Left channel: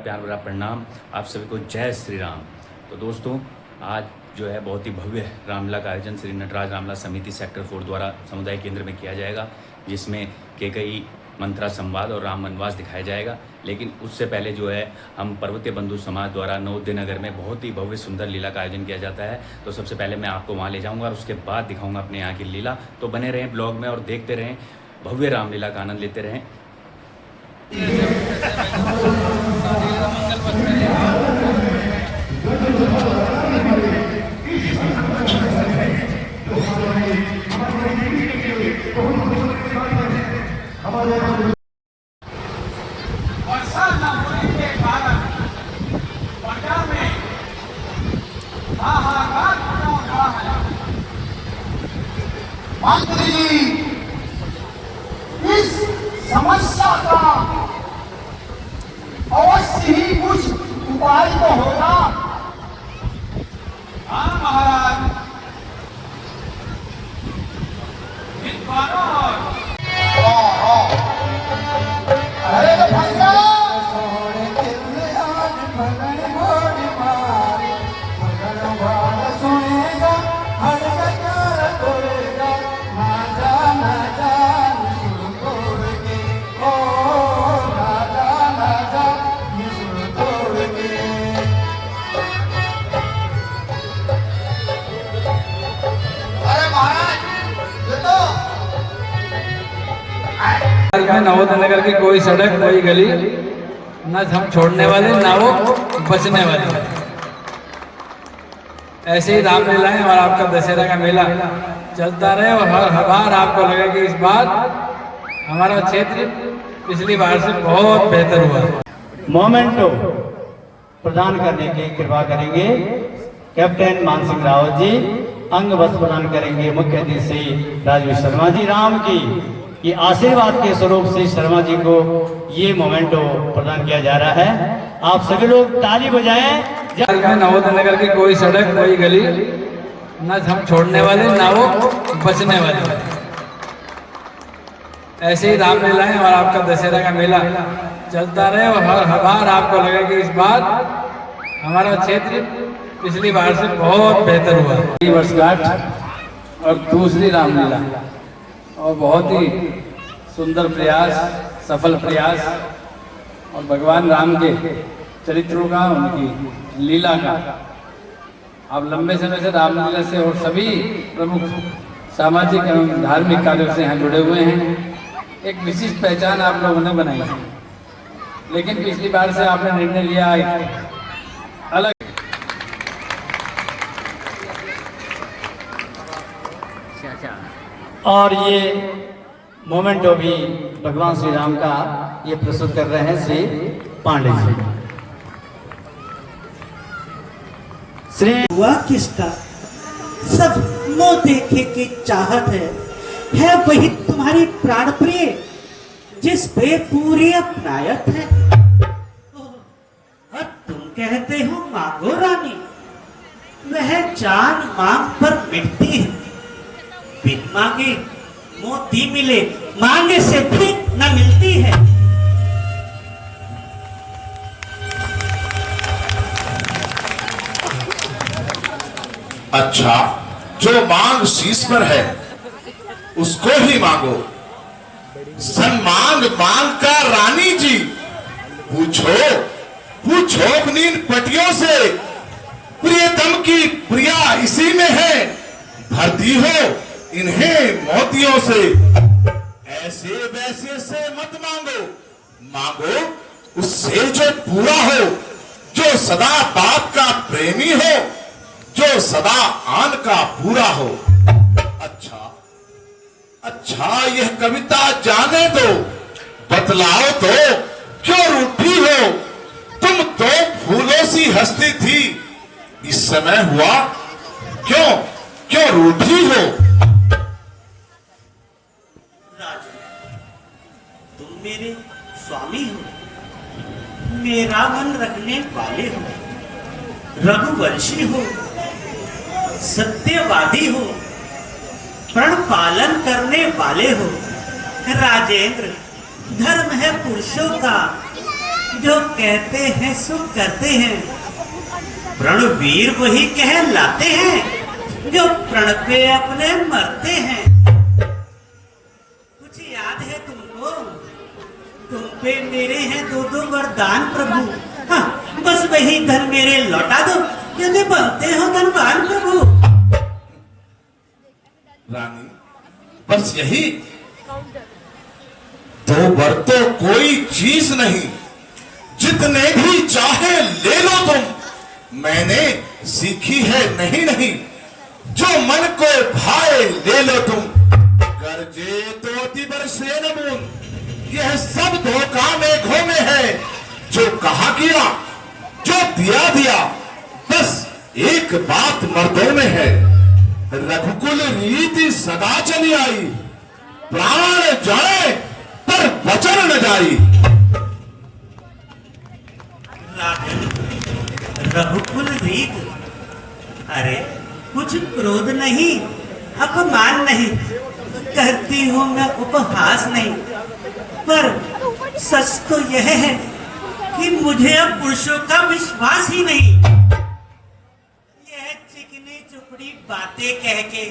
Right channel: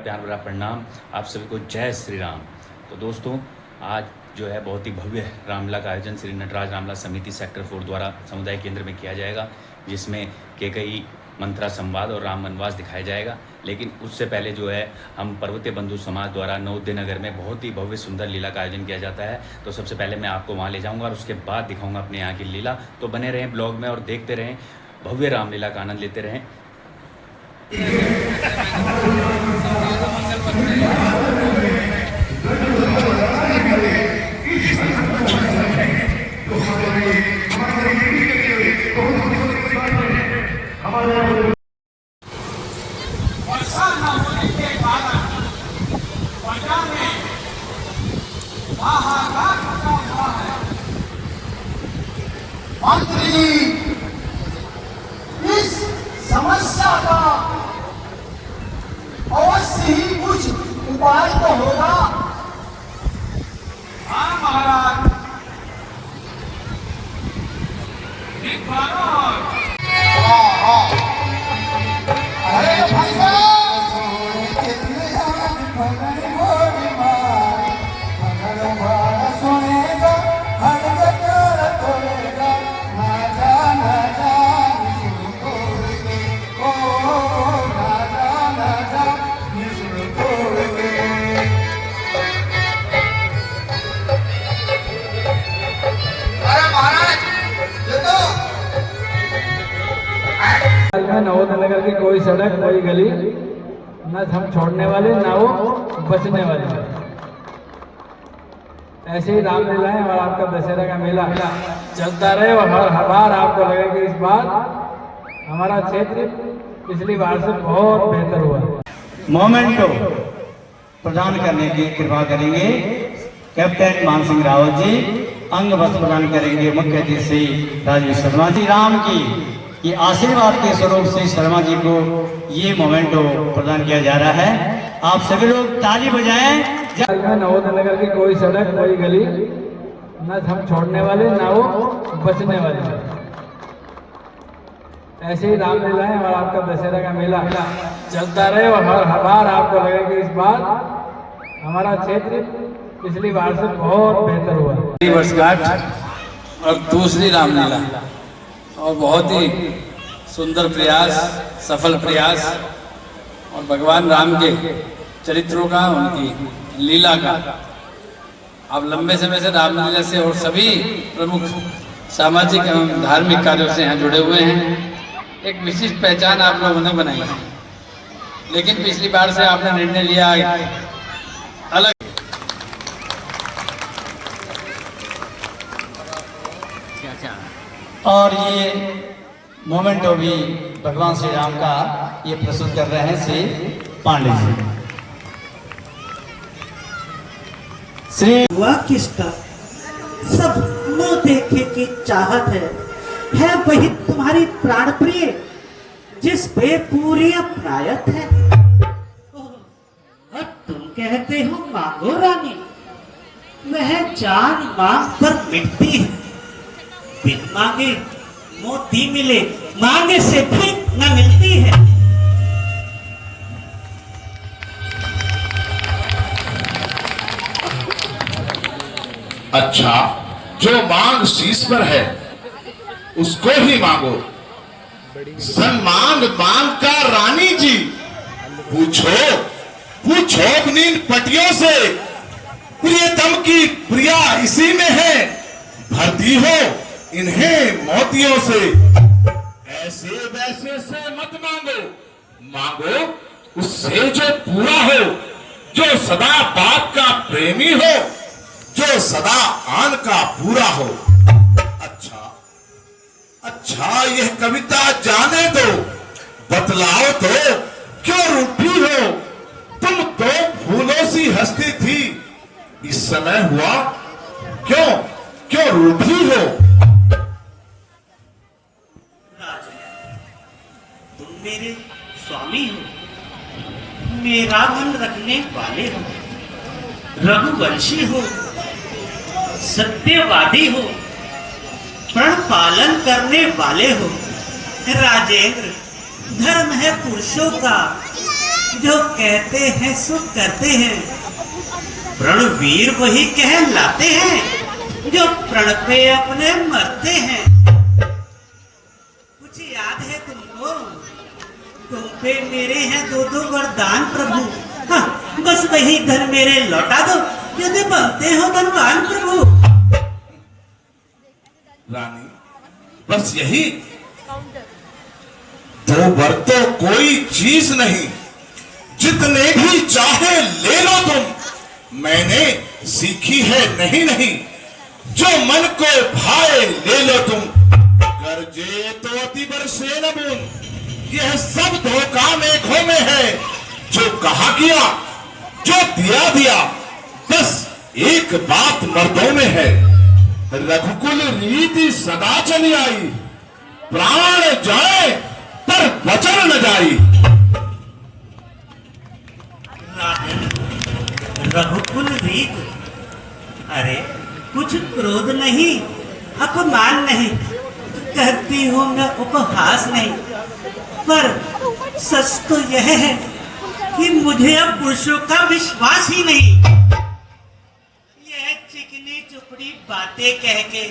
प्यार भरा प्रणाम आप सभी को। जय श्री राम। तो दोस्तों, आज जो है बहुत ही भव्य रामलीला का आयोजन श्री नटराज रामलीला समिति सेक्टर 4 द्वारा समुदाय केंद्र में किया जाएगा, जिसमें कैकेयी मंत्रा संवाद और राम वनवास दिखाया जाएगा। लेकिन उससे पहले जो है हम पर्वतीय बंधु समाज द्वारा नवोदय नगर में बहुत ही भव्य सुंदर लीला का आयोजन किया जाता है। तो सबसे पहले मैं आपको वहाँ ले जाऊँगा और उसके बाद दिखाऊँगा अपने यहाँ की लीला। तो बने रहें ब्लॉग में और देखते रहें, भव्य रामलीला का आनंद लेते रहें। इस समस्या का अवश्य ही कुछ उपाय तो होगा। हाँ महाराज, अरे भाई नवोदय नगर की कोई सड़क कोई गली न हम छोड़ने वाले ना वो बचने वाले। ऐसे ही रामलीलाएं और आपका दशहरा का मेला चलता रहे और हर बार आपको लगे कि इस बार हमारा क्षेत्र पिछली बार से बहुत बेहतर हुआ। मोमेंटो प्रदान करने की कृपा करेंगे कैप्टन मान सिंह रावत जी। अंग वस्त्र प्रदान करेंगे मुख्य अतिथि श्री राजीव शर्मा जी। राम की ये आशीर्वाद के स्वरूप से शर्मा जी को ये मोमेंटो प्रदान किया जा रहा है। आप सभी लोग ताली बजाएं। नवोदय नगर की कोई सड़क कोई गली न हम छोड़ने वाले ना वो बचने वाले। ऐसे ही रामलीलाएं और आपका दशहरा का मेला चलता रहे और हर बार आपको लगे कि इस बार हमारा क्षेत्र पिछली बार से बहुत बेहतर हुआ। वर्षगांठ और दूसरी रामलीला और बहुत ही सुंदर प्रयास, सफल प्रयास और भगवान राम के चरित्रों का, उनकी लीला का आप लंबे समय से रामलीला से और सभी प्रमुख सामाजिक एवं धार्मिक कार्यों से यहाँ जुड़े हुए हैं। एक विशिष्ट पहचान आप लोगों ने बनाई है, लेकिन पिछली बार से आपने निर्णय लिया अलग। और ये मोमेंटो भी भगवान श्री राम का ये प्रस्तुत कर रहे हैं श्री पांडे जी। श्री हुआ किसका सब मुंह देखे की चाहत है वही तुम्हारी प्राण प्रिय जिस पे पूरी अपनायत है। और तुम कहते हो मांगो रानी, वह जान मांग पर मिटती है। बिन मांगे मोती मिले, मांगे से भी न मिलती है। अच्छा, जो मांग शीश पर है उसको ही मांगो। सन्मांग मांग का रानी जी, पूछो पूछो अपनी पटियों से, प्रियतम की प्रिया इसी में है, भरती हो इन्हें मोतियों से। ऐसे वैसे से मत मांगो, मांगो उससे जो पूरा हो, जो सदा बात का प्रेमी हो, जो सदा आन का पूरा हो। अच्छा अच्छा, यह कविता जाने दो, बतलाओ तो क्यों रूठी हो? तुम तो फूलों सी हंसती थी, इस समय हुआ क्यों क्यों रूठी हो? तुम मेरे स्वामी हो, मेरा मन रखने वाले हो, रघुवंशी हो, सत्यवादी हो, प्रण पालन करने वाले हो। राजेंद्र, धर्म है पुरुषों का, जो कहते हैं सो करते हैं। प्रणवीर वही कहलाते हैं जो प्रण पे अपने मरते हैं। कुछ याद है तुमको? तुम पे मेरे हैं दो दो वरदान प्रभु। हाँ, बस वही धन मेरे लौटा दो यदि बनते हो धनवान प्रभु। रानी, बस यही दो वर तो कोई चीज नहीं, जितने भी चाहे ले लो तुम। मैंने सीखी है नहीं नहीं, जो मन को भाए ले लो तुम। गरजे तो अति बरसे न बूंद, यह सब धोखा मेघों में है। जो कहा किया, जो दिया दिया, बस एक बात मर्दों में है। रघुकुल रीति सदा चली आई, प्राण जाए पर वचन न जाई। रघुकुल रीत, अरे कुछ क्रोध नहीं, अपमान नहीं, करती हूँ मैं उपहास नहीं। पर सच तो यह है कि मुझे अब पुरुषों का विश्वास ही नहीं। यह चिकनी चुपड़ी बातें कह के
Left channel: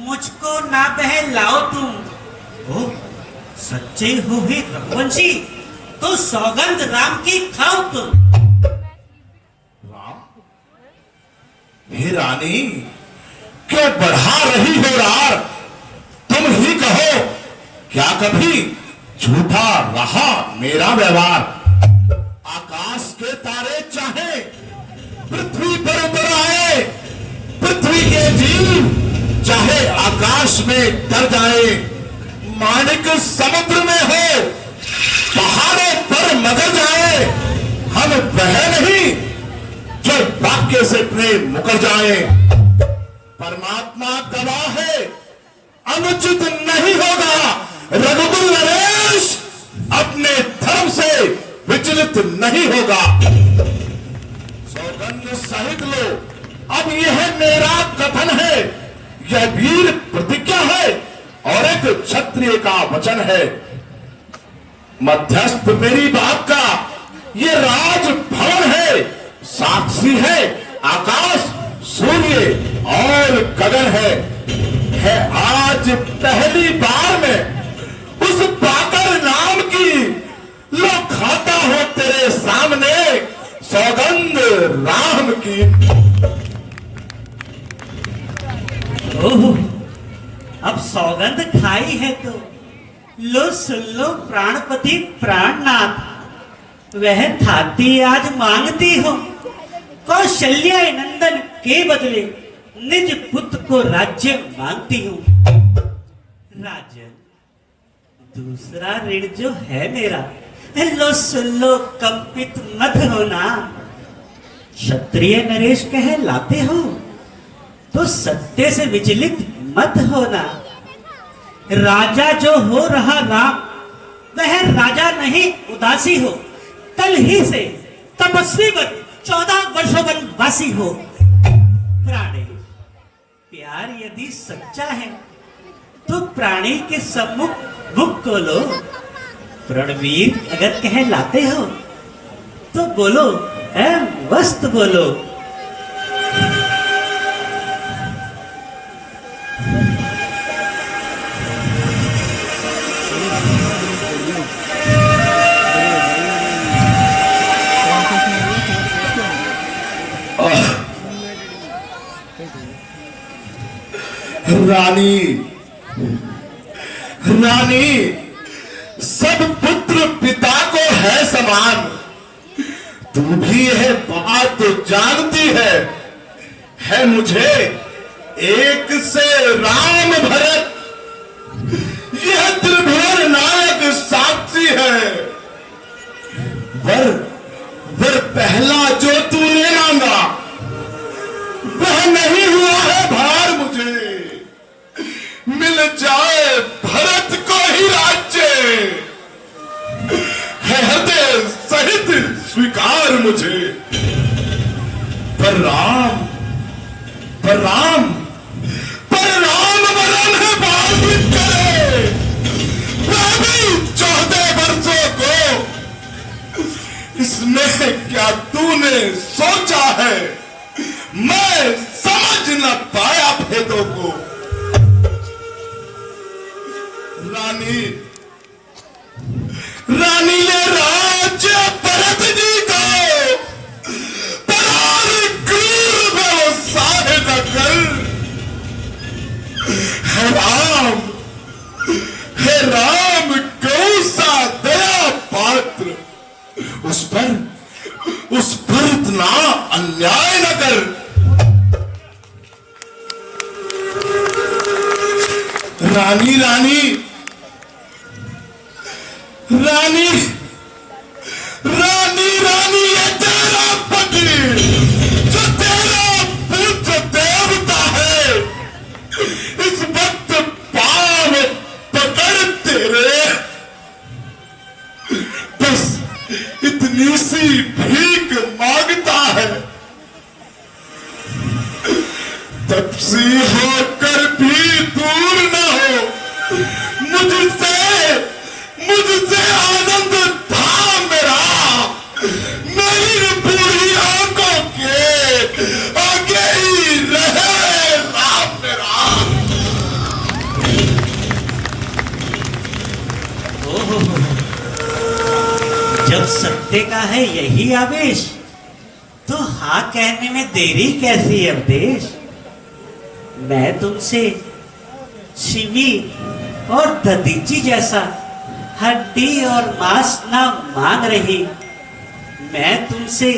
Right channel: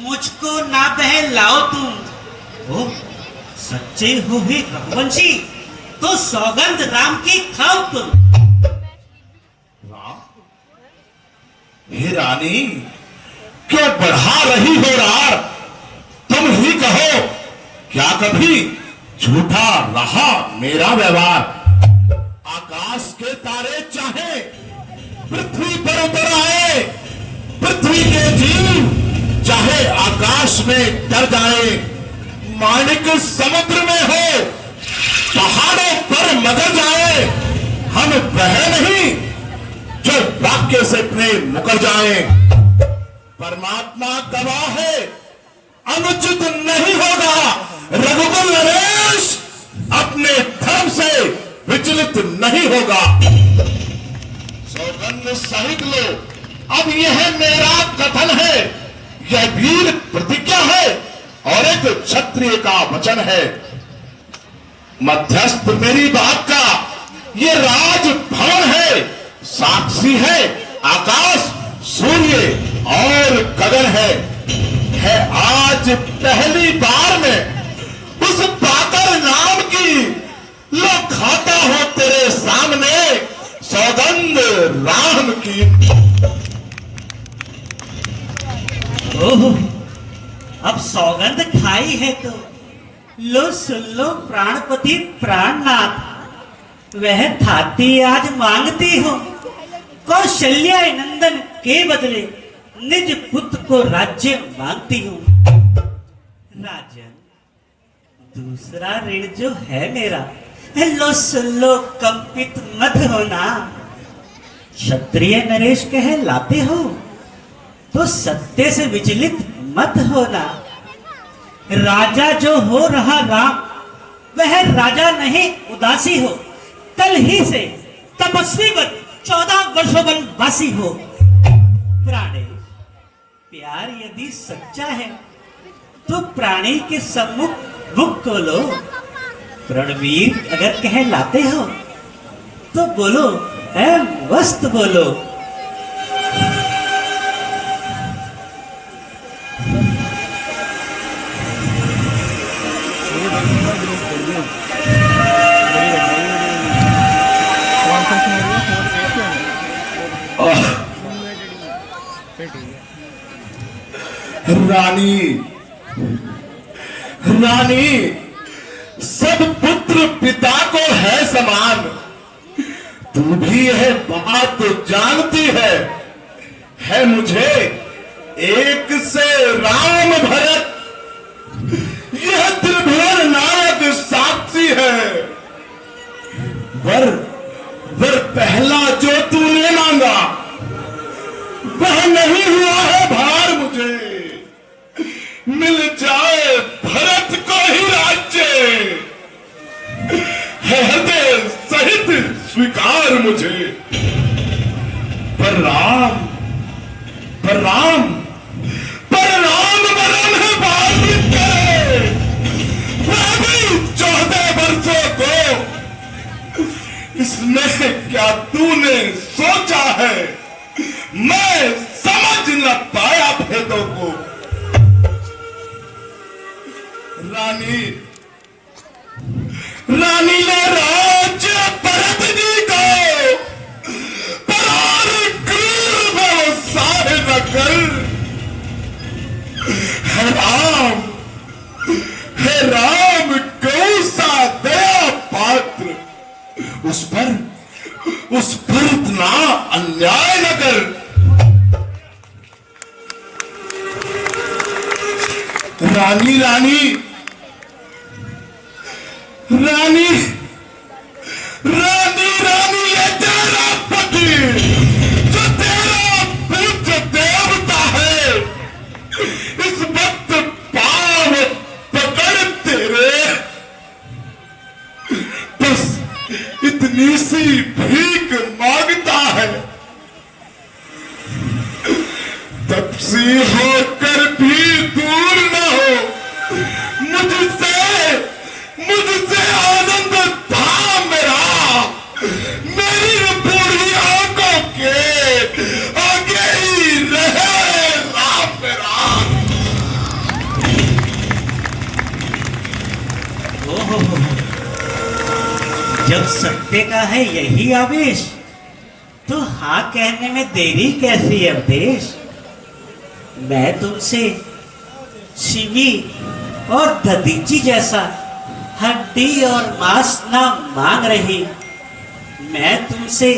मुझको ना बहलाओ तुम। ओ, सच्चे हो ही रघुवंशी तो सौगंध राम की खाओ तुम। राम, हे रानी, क्यों बढ़ा रही हो रार? तुम ही कहो, क्या कभी झूठा रहा मेरा व्यवहार? आकाश के तारे चाहे पृथ्वी पर उतर आए, पृथ्वी के जीव चाहे आकाश में तर जाए। माणिक समुद्र में हो, पहाड़ों पर मगर जाए, हम वह नहीं जो वाक्य से इतने मुकर जाए। परमात्मा गवाह है, अनुचित नहीं होगा। रघुकुल नरेश अपने धर्म से विचलित नहीं होगा। सौगंध सहित लो, अब यह मेरा कथन है, यह वीर प्रतिज्ञा है और एक क्षत्रिय का वचन है। मध्यस्थ मेरी बात का ये राज भवन है, साक्षी है आकाश, सूर्य और गगन है आज पहली बार में उस पाकर नाम की लो खाता हो तेरे सामने सौगंध राम की। ओह, अब सौगंध खाई है तो लो सुन लो प्राणपति प्राणनाथ। वह थाती आज मांगती हो, कौशल्या नंदन के बदले निज पुत्र को राज्य मांगती हूँ। राजन, दूसरा ऋण जो है मेरा, लो सुन लो कंपित मत होना। क्षत्रिय नरेश कहलाते हो तो सत्य से विचलित मत होना। राजा जो हो रहा राम, वह राजा नहीं उदासी हो। कल ही से तपस्वी बन 14 वर्षों वनवासी हो। प्राणेश, प्यार यदि सच्चा है तो प्राणी के सम्मुख मुख खोलो। रणवीर अगर कहलाते हो तो बोलो, वस्त बोलो। रानी, रानी, सब पुत्र पिता को है समान। तू भी यह बात तो जानती है मुझे एक से राम भरत, यह त्रिभुवन नायक साक्षी है। वर पहला जो तूने मांगा वह नहीं हुआ है भार मुझे। मिल जाए भरत को ही राज्य, है हृदय सहित स्वीकार मुझे। पर राम वरन है बाधित करे, वह भी 14 वर्षों को इसमें क्या तूने सोचा है? मैं समझ न पाया भेदों को। रानी रानी ने राज्य भरत जी को परार क्रूर व्यवसाय न कर। हे राम गौ सा दया पात्र, उस पर इतना अन्याय न कर। रानी रानी रानी रानी रानी ये तेरा पति जो तेरा पूज्य देवता है, इस वक्त पांव पकड़ तेरे बस इतनी सी भीख मांगता है। तपसी होकर भी दूर न हो, मुझसे आनंद था मेरा, मेरी बूढ़ी आंखों के आगे ही रहे राम मेरा। ओहो, जब सत्य का है यही आवेश, तो हाँ कहने में देरी कैसी है अवधेश। मैं तुमसे शिवी और ददीची जैसा हड्डी और मांस ना मांग रही, मैं तुमसे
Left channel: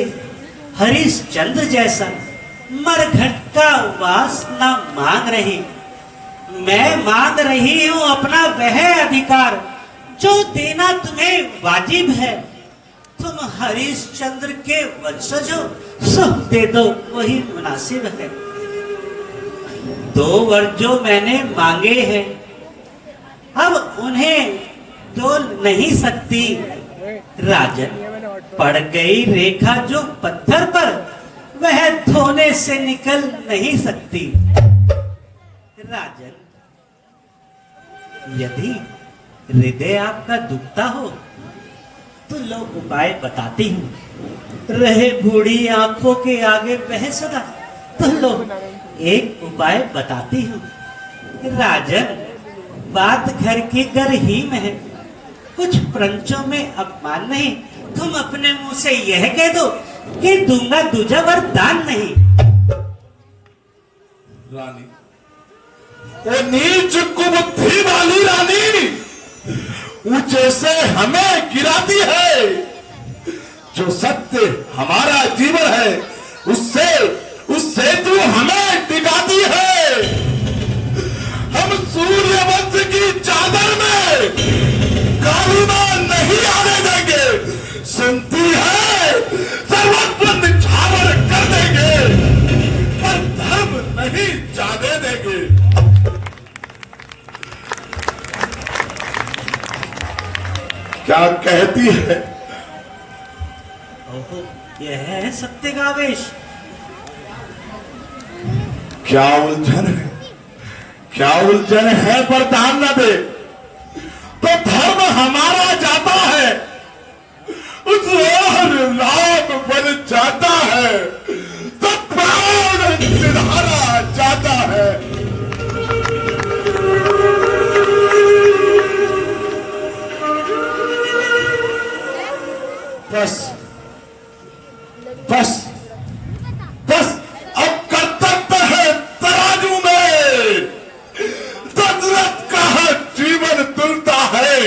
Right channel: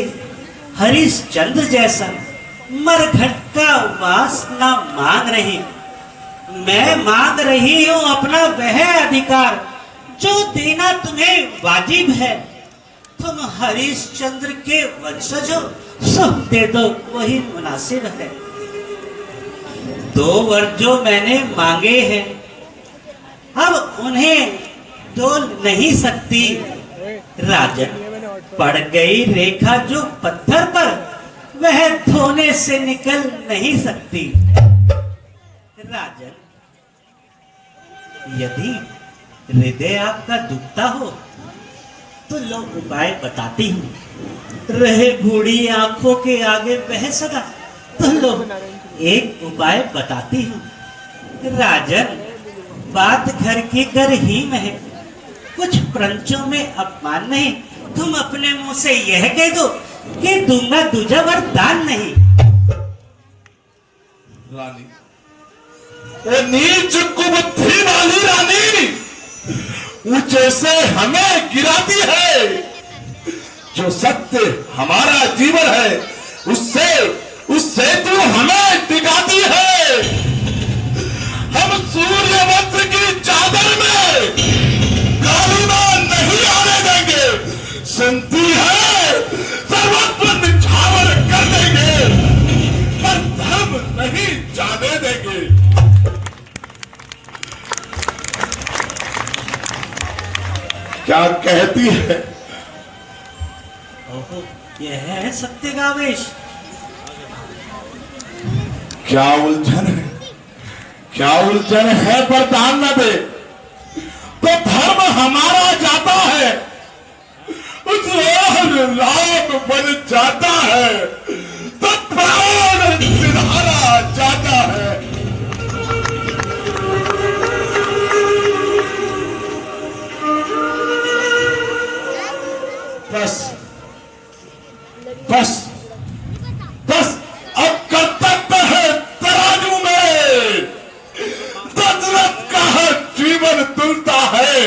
हरिश्चंद्र जैसा मरघट का वास ना मांग रही। मैं मांग रही हूं अपना वह अधिकार जो देना तुम्हें वाजिब है। तुम हरिश्चंद्र के वंशज हो, सब दे दो, वही मुनासिब है। 2 वर जो मैंने मांगे हैं, अब उन्हें तोल नहीं सकती। राजन, पड़ गई रेखा जो पत्थर पर, वह धोने से निकल नहीं सकती। राजन, यदि हृदय आपका दुखता हो तो लो उपाय बताती हूँ। रहे बूढ़ी आंखों के आगे बह सका तो लो एक उपाय बताती हूँ। राजन, बात घर की घर ही में है, कुछ प्रंचों में अपमान नहीं। तुम अपने मुंह से यह कह दो कि दूंगा दूजा वरदान नहीं। रानी, वो नीच कुबुद्धि वाली रानी ऊंचे से हमें गिराती है। जो सत्य हमारा जीवन है, उससे तू हमें टिकाती है। हम सूर्यवंश की चादर में कालिमा नहीं आने देंगे। संति है सर्वस्व निछावर कर देंगे, पर धर्म नहीं जाने देंगे। क्या कहती है? ओहो, यह है सत्य का आवेश। क्या उलझन है, क्या उलझन है? वरदान न दे तो धर्म हमारा जाता है, उस ओर राम बन जाता है, तो प्राण सिधारा जाता है। बस बस बस अब कर्तव्य है तराजू में। दशरथ का जीवन तुलता है,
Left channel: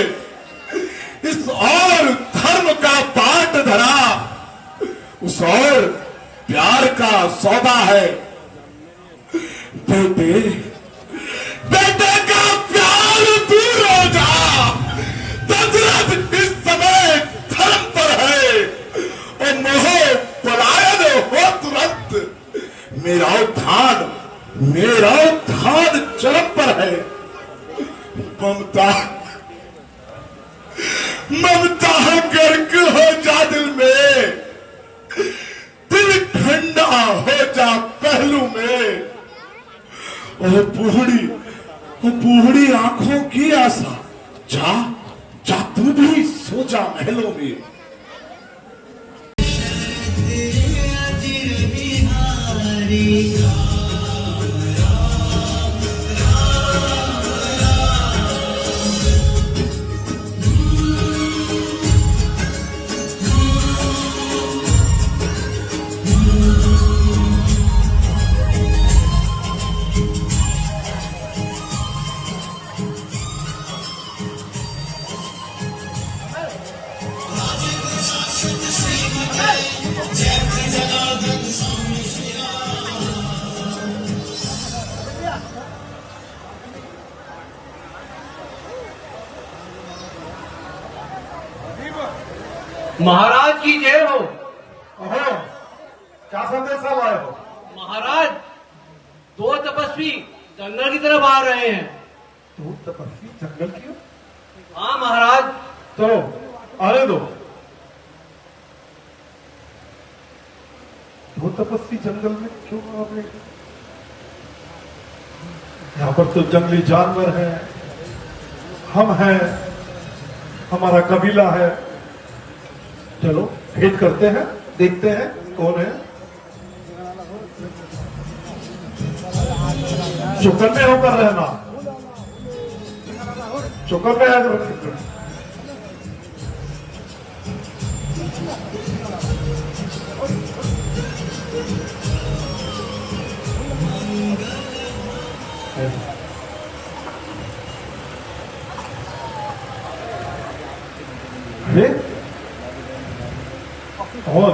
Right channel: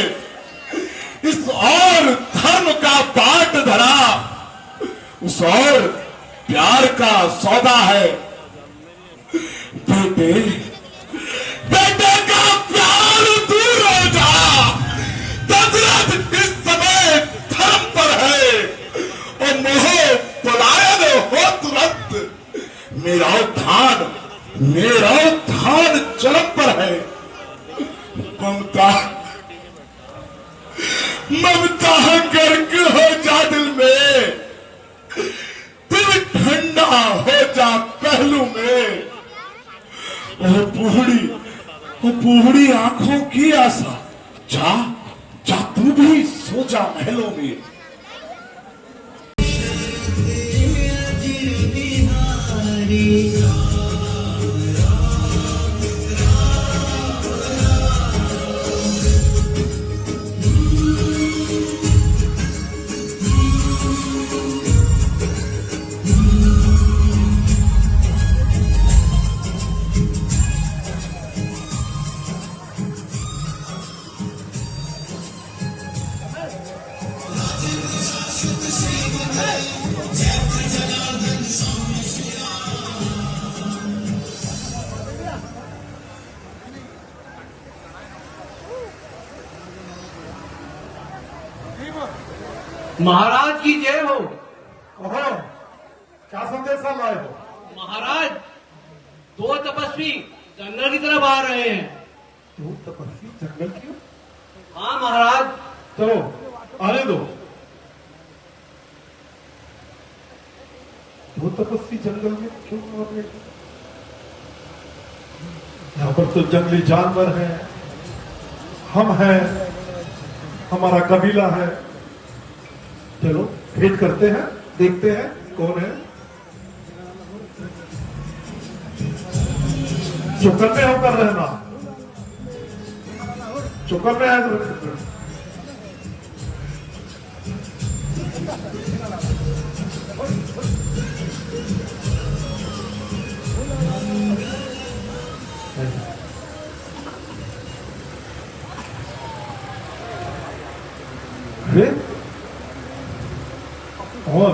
इस और धर्म का बाट धरा, उस और प्यार का सौदा है। बेटे बेटे का प्यार दूर हो जा। दशरथ इस समय धर्म पर है और मोह पलायन हो तुरंत। मेरा उत्थान चरम पर है। ममता गर्क हो जा दिल में, दिल ठंडा हो जा पहलू में। ओ बूढ़ी आंखों की आशा, जा तू भी सो जा महलों में। महाराज की जय हो। ओहो, क्या संदेश लाए हो? महाराज, दो तपस्वी जंगल की तरफ आ रहे हैं। तू तपस्वी जंगल की हो? हाँ महाराज। चलो आने दो। वो तपस्वी जंगल में क्यों आ रहे हैं? यहाँ पर तो जंगली जानवर हैं, हम हैं, हमारा कबीला है। चलो भेंट करते हैं, देखते हैं कौन है। चौकन्ने होकर रहना, चौकन्ने है। और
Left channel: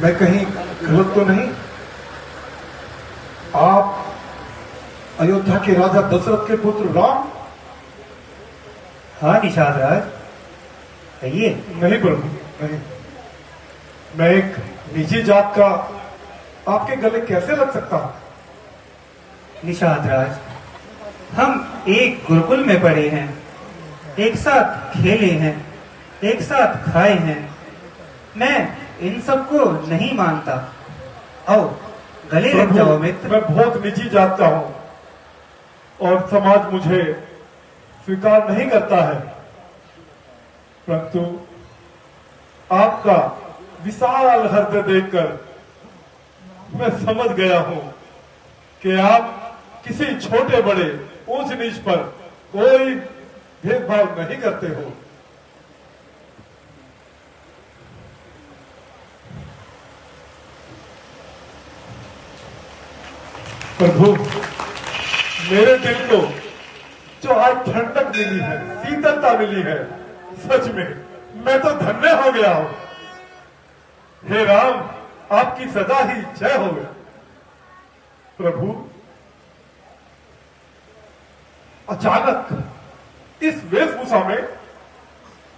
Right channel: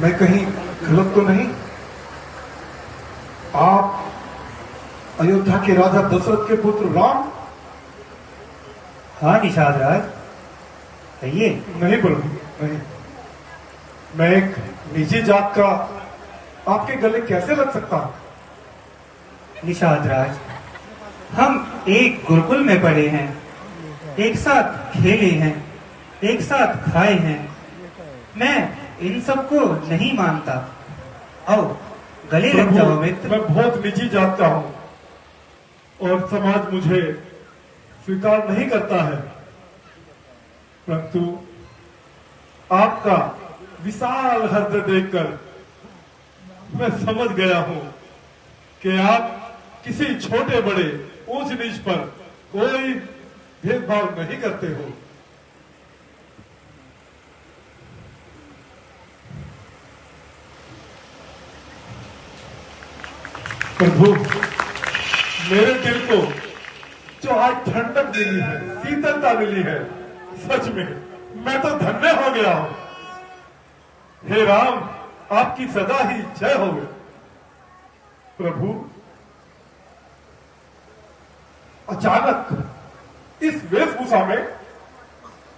मैं कहीं गलत तो नहीं? आप अयोध्या के राजा दशरथ के पुत्र राम? हाँ निषाद राज, कहिए। नहीं प्रभु, नहीं। मैं एक निजी जात का आपके गले कैसे लग सकता हूं? निषाद राज, हम एक गुरुकुल में पढ़े हैं, एक साथ खेले हैं, एक साथ खाए हैं। मैं इन सबको नहीं मानता। आओ गले लग जाओ मित्र। मैं बहुत निजी जात का हूं और समाज मुझे स्वीकार नहीं करता है, परंतु आपका विशाल हृदय देखकर मैं समझ गया हूं कि आप किसी छोटे बड़े ऊंच नीच पर कोई भेदभाव नहीं करते हो। प्रभु, मेरे दिल को जो आज ठंडक मिली है, शीतलता मिली है, सच में मैं तो धन्य हो गया हूं। हे राम, आपकी सदा ही जय हो। प्रभु, अचानक इस वेशभूषा में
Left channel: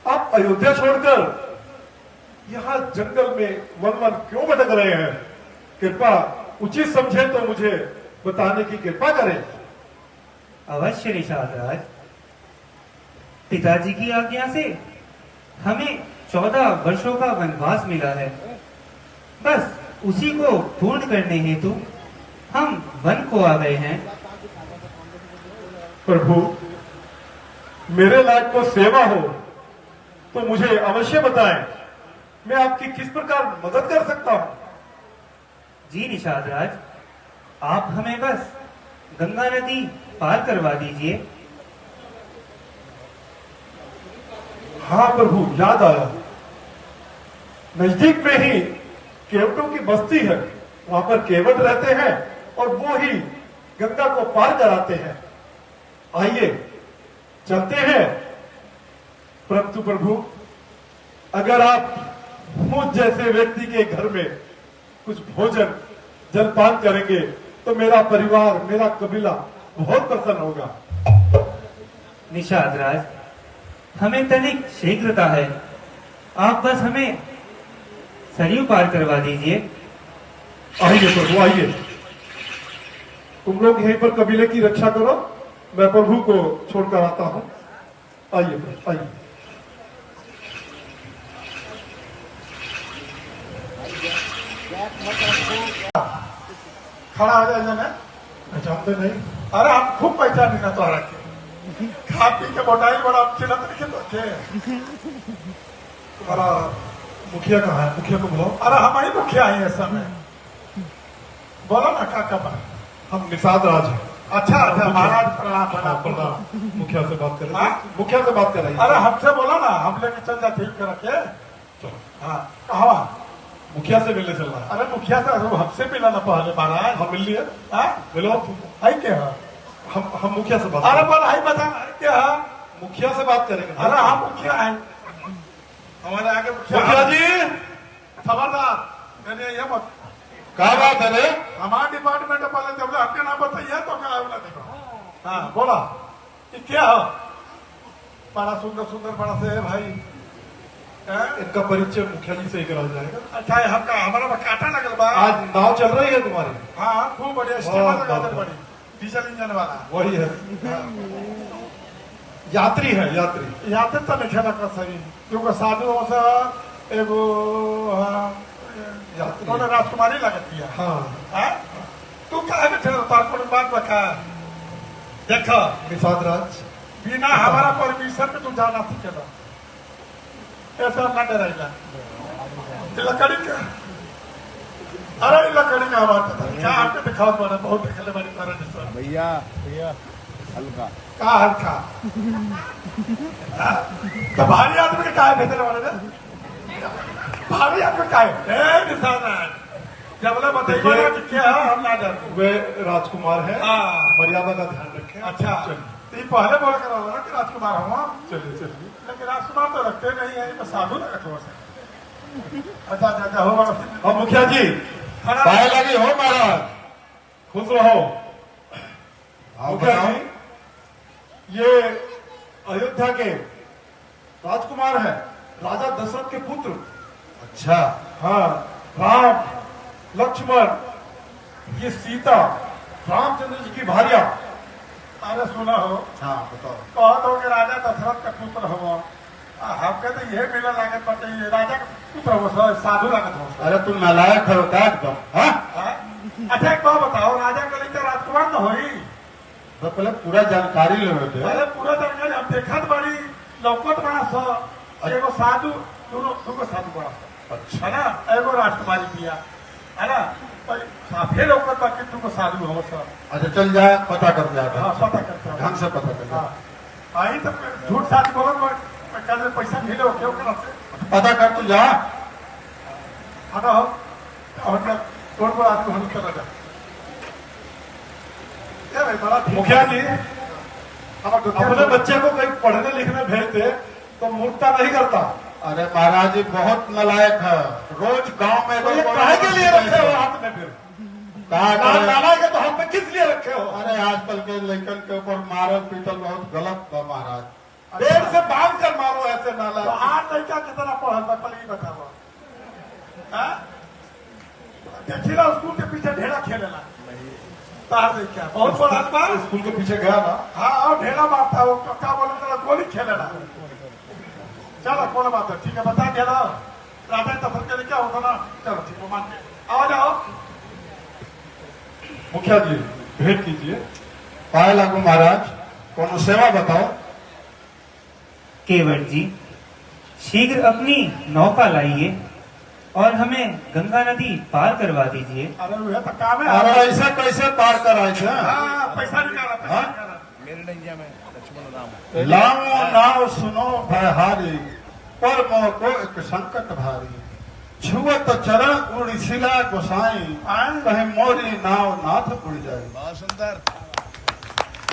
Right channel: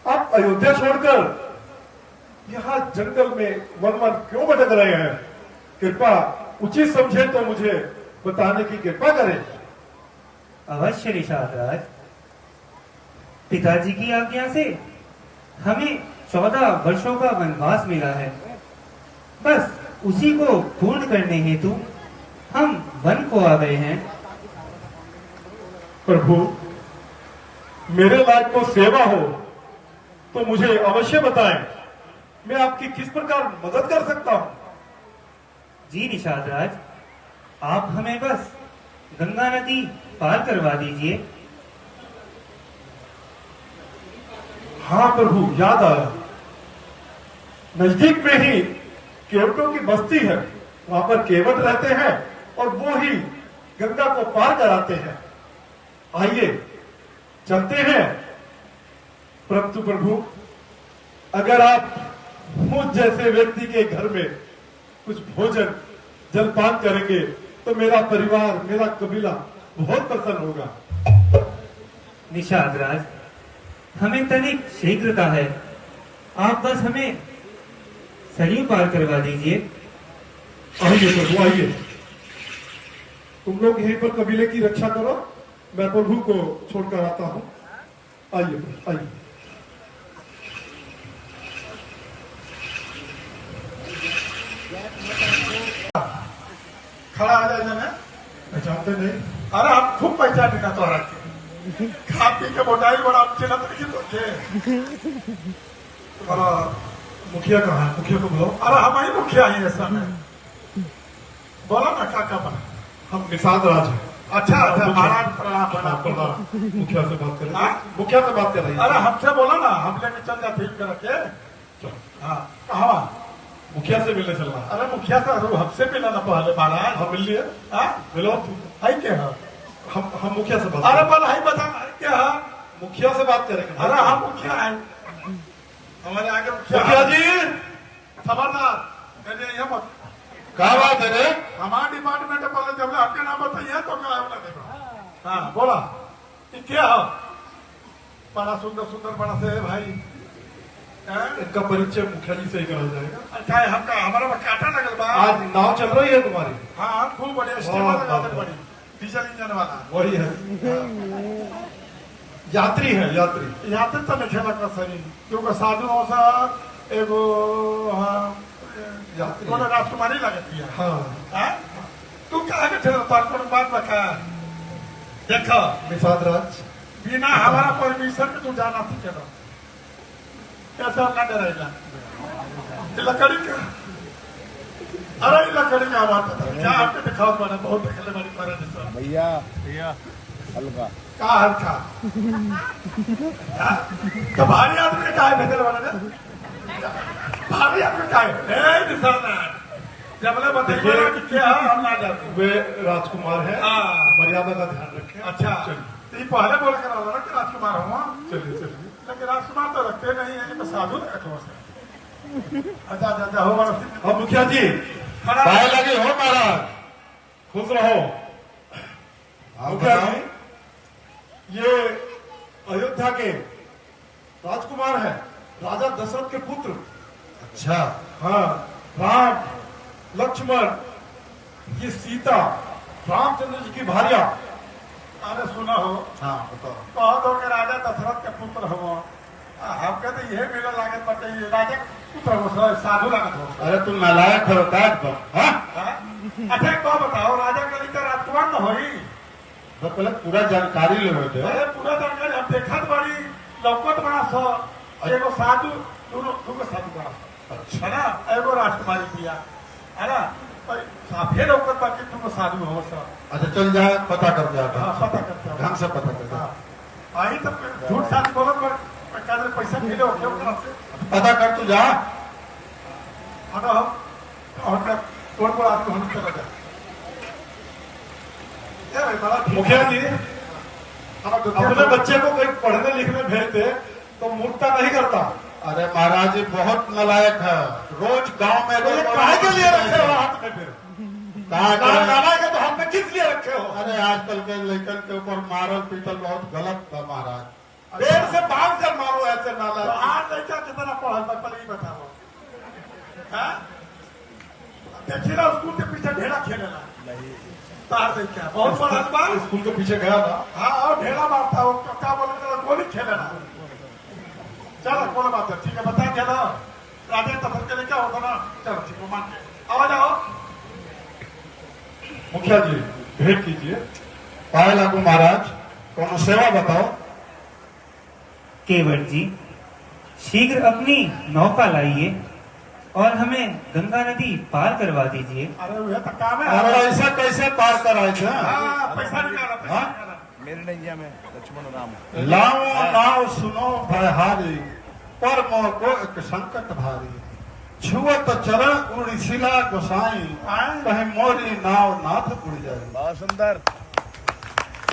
आप अयोध्या छोड़कर यहां जंगल में वन वन क्यों भटक रहे हैं? कृपा उचित समझे तो मुझे बताने की कृपा करें। अवश्य निषाद राज, पिताजी की आज्ञा से हमें 14 वर्षों का वनवास मिला है। बस उसी को पूर्ण करने हेतु हम वन को आ गए हैं। प्रभु, मेरे लायक को सेवा हो तो मुझे अवश्य बताएं। मैं आपकी किस प्रकार मदद कर सकता हूं? जी निषाद राज, आप हमें बस गंगा नदी पार करवा दीजिए। हाँ प्रभु, याद आया। नजदीक में ही केवटों की बस्ती है, वहां पर केवट रहते हैं और वो ही गंगा को पार कराते हैं। आइए चलते हैं। परंतु प्रभु, अगर आप मुझ जैसे व्यक्ति के घर में कुछ भोजन जलपान करेंगे तो मेरा परिवार, मेरा कबीला बहुत प्रसन्न होगा। निषाद राज, हमें तनिक शीघ्रता है। आप बस हमें सरयू पार करवा दीजिए। आइए प्रभु, आइए। तुम लोग यहीं पर कबीले की रक्षा करो, मैं प्रभु को छोड़कर आता हूं। आइए प्रभु, आइए। खड़ा आ जाए ना, पहचानते नहीं? अरे हम खूब पहचानी ना तो के खा पी के मोटाइल बड़ा चिन्हत रखी तो तुम्हारा मुखिया कहाँ है? मुखिया को बुलाओ। अरे हम ही मुखिया ही ऐसा में बोला ना का हम निषाद राज हैं। अच्छा अच्छा, महाराज प्रणाम। मुखिया से बात करें। मुखिया से बात करें। अरे हमसे बोला ना, हम लेके चल जाते ठीक कर रखे। चलो। हाँ, कहा मुखिया से मिलने चलना? अरे मुखिया से हमसे मिला ना पहले महाराज। हम मिल लिए। मिलो है क्या? हम मुखिया से बात। अरे पर बता क्या मुखिया से बात करेंगे? अरे हम मुखिया है, हमारे आगे मुखिया जी। खबरदार, ये मत। क्या बात है रे? हमारा डिपार्टमेंट पहले हाँ बोला ये क्या हो बड़ा सुंदर सुंदर बड़ा से है भाई हैं? इनका परिचय मुखिया जी से ही करा जाएगा। अच्छा है, हमका हमारा में काटा लगल बा आज नाव चल रही है तुम्हारी? हाँ खूब बढ़िया स्टीमर बहुत लगा दे बढ़िया। बड़ी डीजल इंजन वाला वही है, यात्री है यात्री। यहाँ तक तो नहीं खेला कर सही क्योंकि साधु हो सर एगो हाँ, यात्री। उन्होंने राजकुमारी लगत किया हाँ हाँ? तू कहे के चलो तार को बात बता देखो निषाद राज। बिना हमारा परमिशन के तू जाना सीखेगा ऐसा ना डरेगा ये लकड़ी का अरे ये लकड़ी का आवाज पता नहीं क्या आपके दिखाओ बड़ा बहुत देखले बड़ी पर भैया हल्का का हल्का हाँ? तो भारी आदमी के काहे भेजने वाले ने भारी आदमी काहे ए निशाना जबले बताइए ना कि क्या है हम ना जानते वे राजकुमार है, हाँ। मर्यादा का ध्यान रखें। अच्छा चलिए ये पहले बोल कर रहा कि राजकुमार हुआ चलिए चलिए। लेकिन राजकुमार तो रखते नहीं है ये तो साधु लगा थोड़ा सा अच्छा अच्छा हो बड़ा हाँ मुखिया जी, खड़ा पाए लगे हो महाराज, खुश रहो। मुखिया जी, ये अयोध्या के राजकुमार है, राजा दशरथ के पुत्र। अच्छा, हाँ, राम लक्ष्मण, ये सीता रामचंद्र जी की भार्या। अरे सुना हो हाँ बताओ। कहो तो कि राजा दशरथ का पुत्र हो हमके तो यह मिला लागत बटे ये राजा का पुत्र हो साधु लागत हो अरे तुम नालायक हो क्या एकदम? हाँ, हाँ? अच्छा एक बात बताओ राजा के लिए राजकुमार न होई तो पहले पूरा जानकारी ले थे। अरे पूरा जानकारी हम देखत बड़ी लौकत बड़ा सो एगो साधु दोनों साधु बड़ा सो अच्छा, है ना एगो राजकुमारी पिया है ना साफे लौकत बाकी तुम साधु हो सब अच्छा चल जाए, पता कर जाएगा। हाँ पता करते हो ढंग से पता कर जाए। हाँ आई तो झूठ साथ बोलो कर पैसा मिले हो क्यों पता कर तू जा। हटा हो और तोड़ पर आदमी हम चला जा क्या भाई बड़ा मुखिया जी, हम अपने बच्चे को कहीं पढ़ने लिखने भेजते तो मूर्खता नहीं करता। अरे महाराज जी बहुत नालायक है, रोज गांव में तो ये काहे के लिए रखे हो हाथ में फिर? कहा करे? लाना के तो हाथ में किस लिए रखे हो? अरे आजकल के लड़कन के ऊपर मारल पीटल बहुत गलत है महाराज। पेड़ से बांध कर मारो ऐसे नाला। तो आज लड़का कितना पढ़ल था पहले ही बताओ देखी ना स्कूल के पीछे ढेरा खेलेला तार देख क्या बहुत बड़ा बात स्कूल के पीछे गया ना, हाँ और ढेरा मारता हो क्या बोले गोली खेलेला चलो कौन बात है ठीक है बता दिया ना राजा दशरथ के लिए क्या होता ना चलो ठीक है मान के आओ जाओ मुखिया जी भेंट कीजिए। पाए लागू महाराज, कौन सेवा बताओ। केवट जी शीघ्र अपनी नौका लाइए और हमें गंगा नदी पार करवा दीजिए। अरे वह तो काम है अरे ऐसा कैसे पार कराए थे? हाँ पैसा निकाला पैसा हाँ? निकाला लाओ नाव सुनो भयहारी, पर मोह को एक संकट भारी। छुअत चरण उड़िसिला गोसाई, कहे मोरी नाव नाथ उड़ जाए।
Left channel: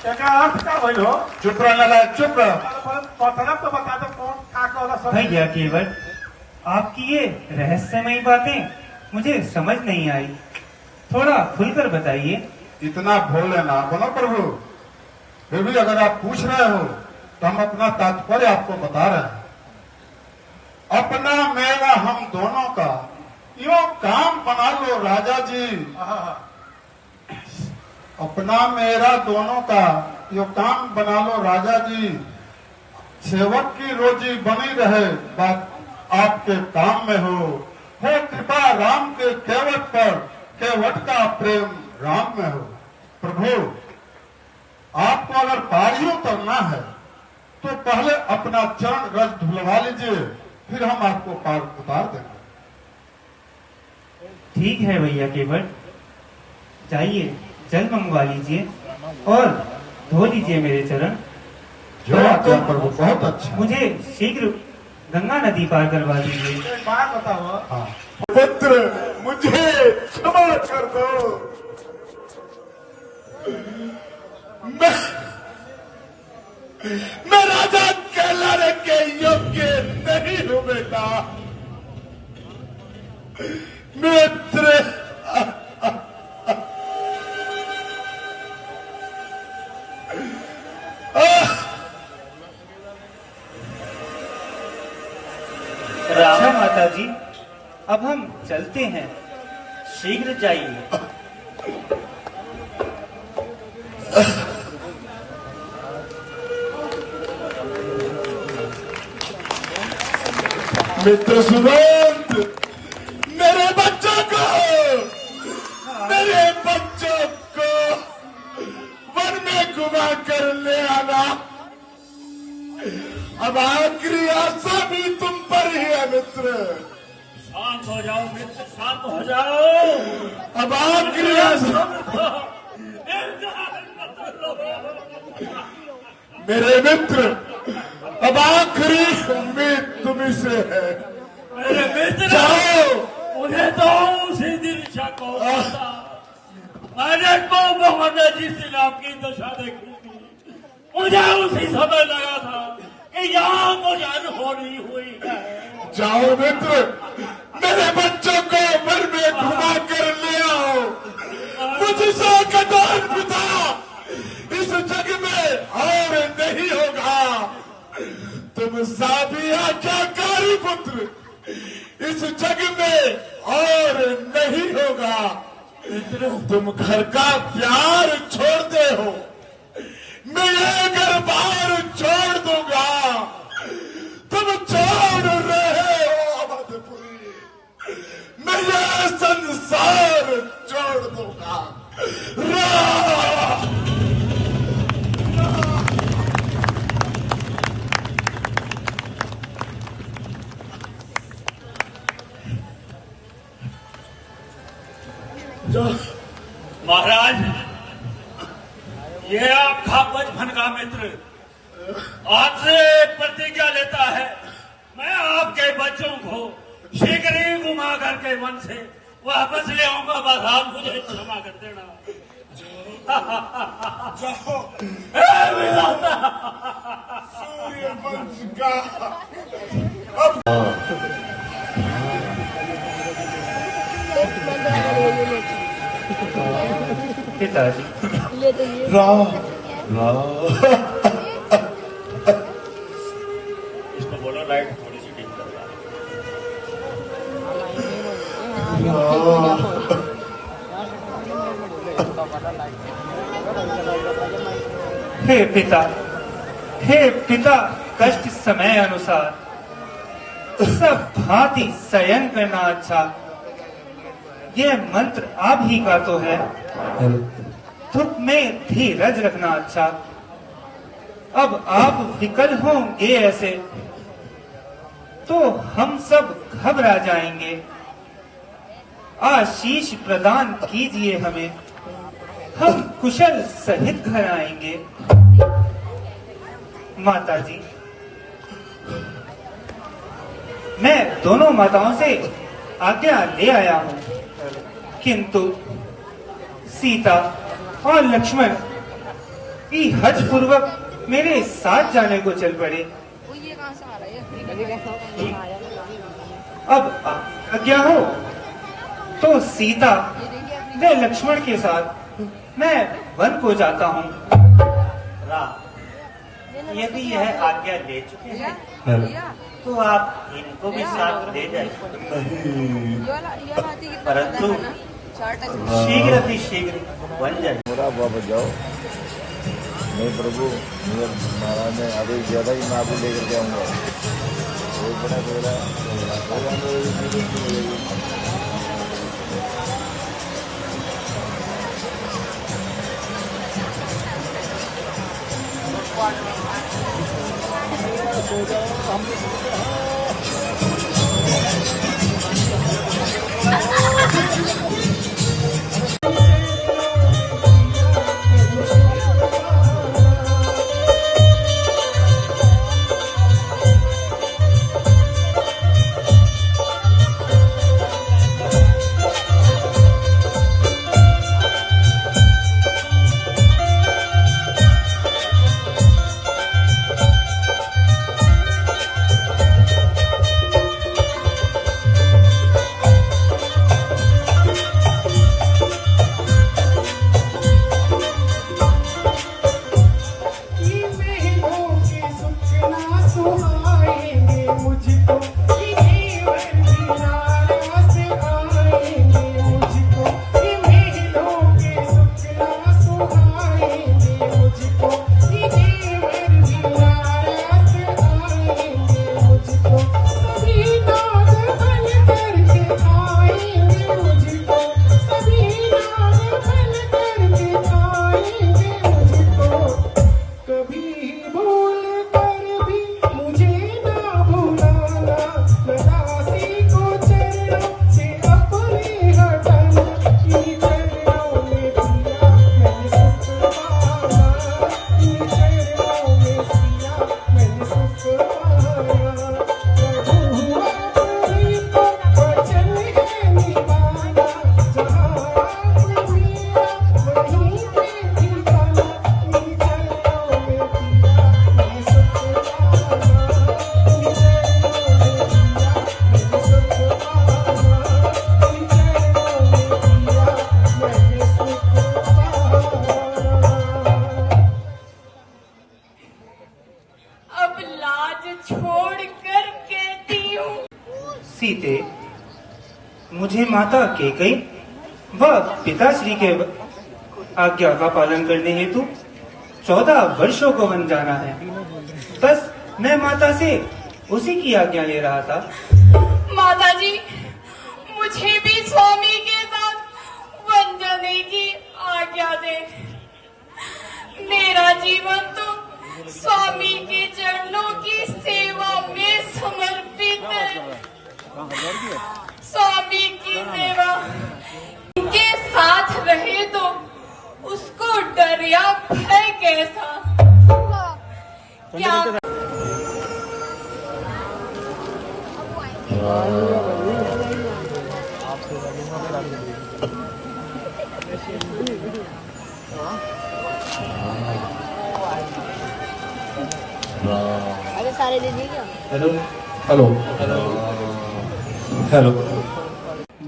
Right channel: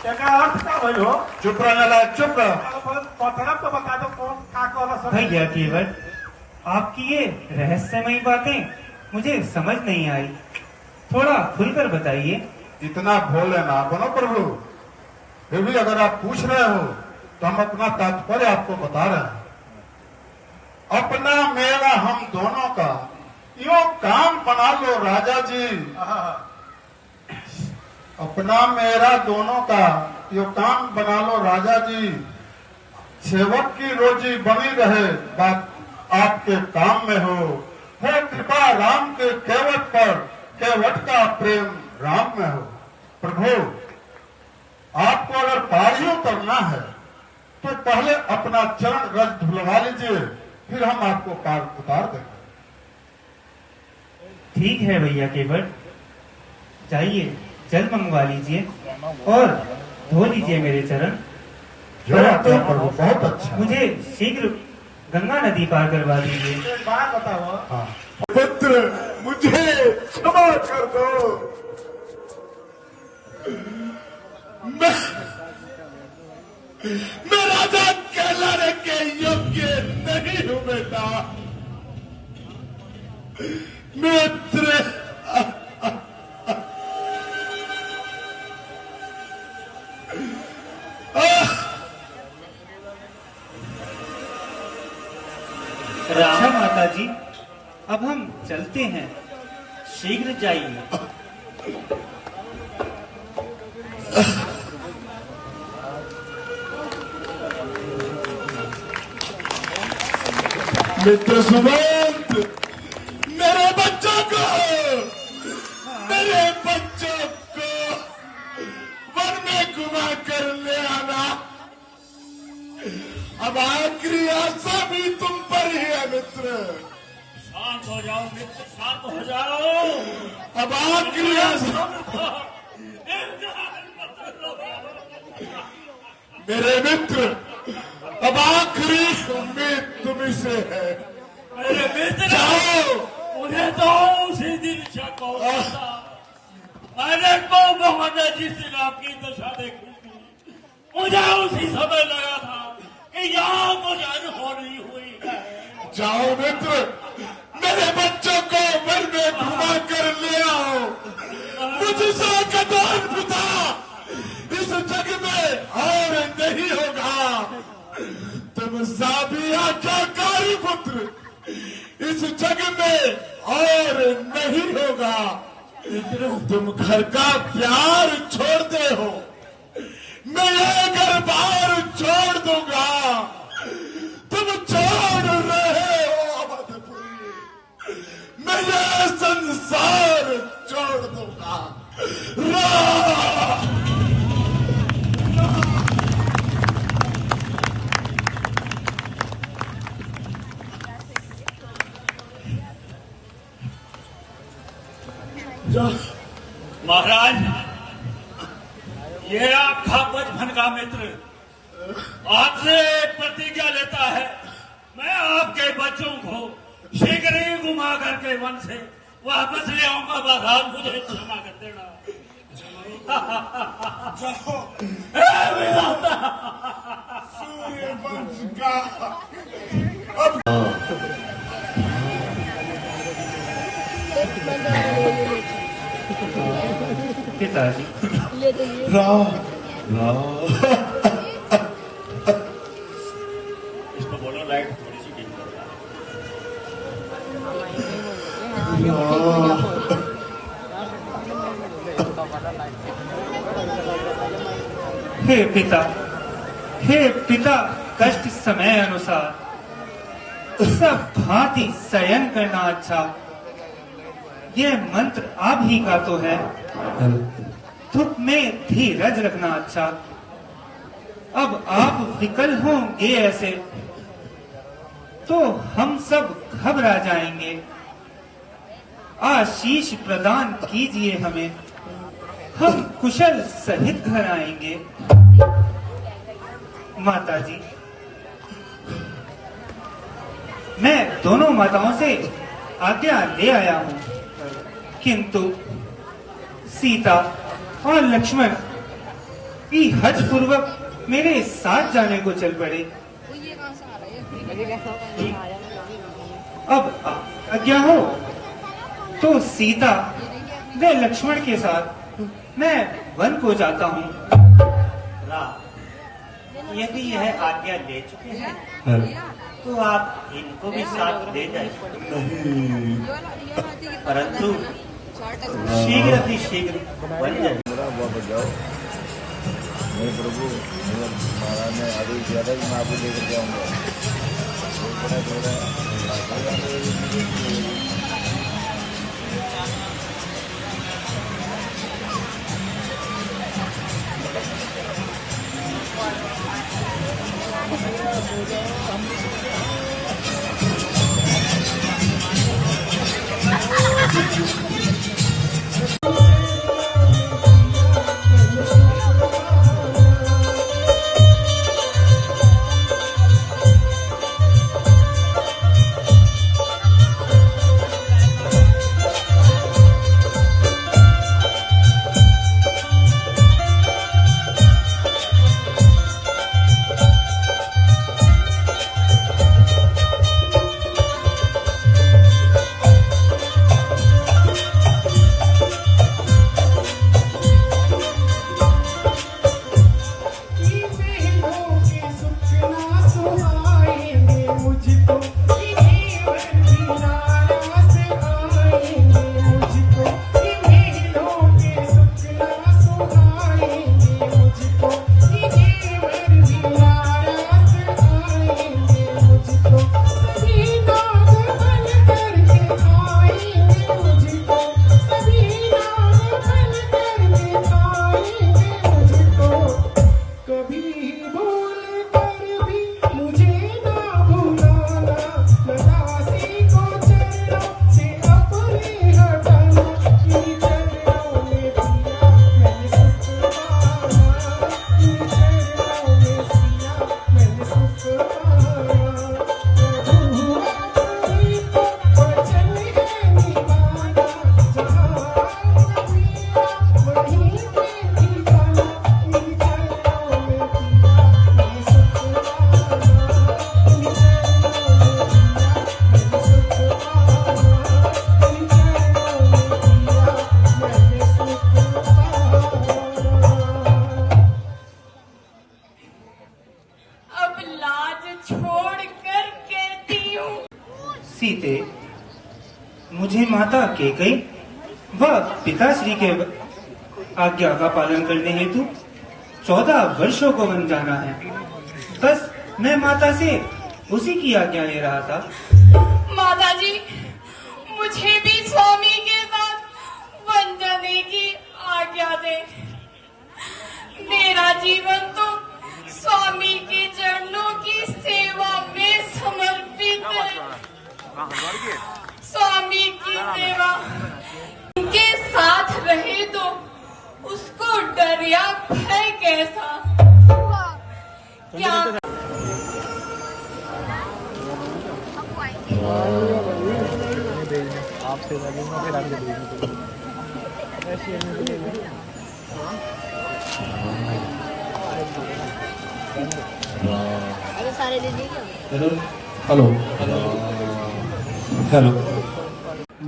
एक अर्थ का भाई हो चुप रहने लायक, चुप रह। मतलब तो बता दो कौन का वाला सब भैया केवट आपकी ये रहस्यमयी बातें मुझे समझ नहीं आई, थोड़ा खुलकर बताइए। इतना भोले ना बनो प्रभु, फिर भी अगर आप पूछ रहे हो तो हम अपना तात्पर्य आपको बता रहे हैं। अपना मेरा हम दोनों का यो काम बना लो राजा जी। अपना मेरा दोनों का यो काम बना लो राजा जी। सेवक की रोजी बनी रहे, बात आपके काम में हो कृपा राम के केवट पर, केवट का प्रेम राम में हो। प्रभु आपको अगर पारी उतरना है तो पहले अपना चरण रस धुलवा लीजिए, फिर हम आपको पार उतार देंगे। ठीक है भैया केवट, जाइए जल मंगवा लीजिए और धो लीजिए मेरे चरण। जो आज्ञा प्रभु, बहुत अच्छा। मुझे शीघ्र गंगा नदी पार करवा दीजिए। एक बात बताओ हाँ, पुत्र मुझे क्षमा कर दो। मैं राजा कहलाने के योग्य नहीं हूं बेटा। मित्र अच्छा माता जी, अब हम चलते हैं, शीघ्र जाइए। मित्र सुमंत, मेरे बच्चों को वन में घुमा कर ले आना। अब आखिरी आशा भी तुम पर ही है मित्र। शांत हो जाओ मित्र, शांत हो जाओ। अब आखिरी आशा मेरे मित्र, अब आखिरी उम्मीद तुम्ही से है। मेरे मित्र, जाओ। उन्हें तो उसी दिन शक हो गया था। मैंने को मोहम्मद जी से आपकी दशा देखी थी। मुझे उसी समय लगा था कि यहाँ कुछ अनहोनी हुई है। जाओ मित्र, मेरे बच्चों को वन में घुमा कर ले आओ। मुझसे कदान पिता इस जग में और नहीं होगा। तुम साबी आज्ञाकारी पुत्र इस जग में और नहीं होगा। तुम घर का प्यार छोड़ते हो, मैं ये घर बार छोड़ दूंगा। तुम छोड़ रहे हो अवधपुरी, मैं ये संसार छोड़ दूंगा। महाराज, ये आपका बचपन का मित्र आपसे प्रतिज्ञा लेता है, मैं आपके बच्चों को शीघ्र ही घुमा करके वन से वापस ले आऊंगा। महाराज, मुझे क्षमा कर देना। सूर्यवंश का पिताजी, इसको बोलो लाइट थोड़ी सी ठीक कर। हे पिता, कष्ट समय अनुसार सब भांति शयन करना अच्छा। ये मंत्र आप ही का तो है। धूप में धीरज रखना अच्छा। अब आप विकल होंगे ऐसे तो हम सब घबरा जाएंगे। आशीष प्रदान कीजिए हमें, हम कुशल सहित घर आएंगे। माता जी, मैं दोनों माताओं से आज्ञा ले आया हूं, किंतु सीता और लक्ष्मण भी हज पूर्वक मेरे साथ जाने को चल पड़े। अब आज्ञा हो तो सीता व लक्ष्मण के साथ मैं वन को जाता हूँ। यदि यह आज्ञा ले चुके हैं तो आप इनको भी साथ ले जाए, परंतु शीघ्र ही शीघ्र वन जाए। मेरा बाबा जाओ, मैं प्रभु मैं अभी ज्यादा ही माफी लेकर जाऊंगा। सीते, मुझे माता कैकई व पिताश्री के आज्ञा का पालन करने हेतु 14 वर्षों को वन जाना है। बस मैं माता से उसी की आज्ञा ले रहा था। माता जी, मुझे भी स्वामी के साथ वन जाने की आज्ञा दे। मेरा जीवन तो स्वामी के चरणों की सेवा में समर्पित है। स्वामी की सेवा के साथ रहे तो उसको डर या भय कैसा? क्या अरे सारे दे दीजिए। Hello hello hello.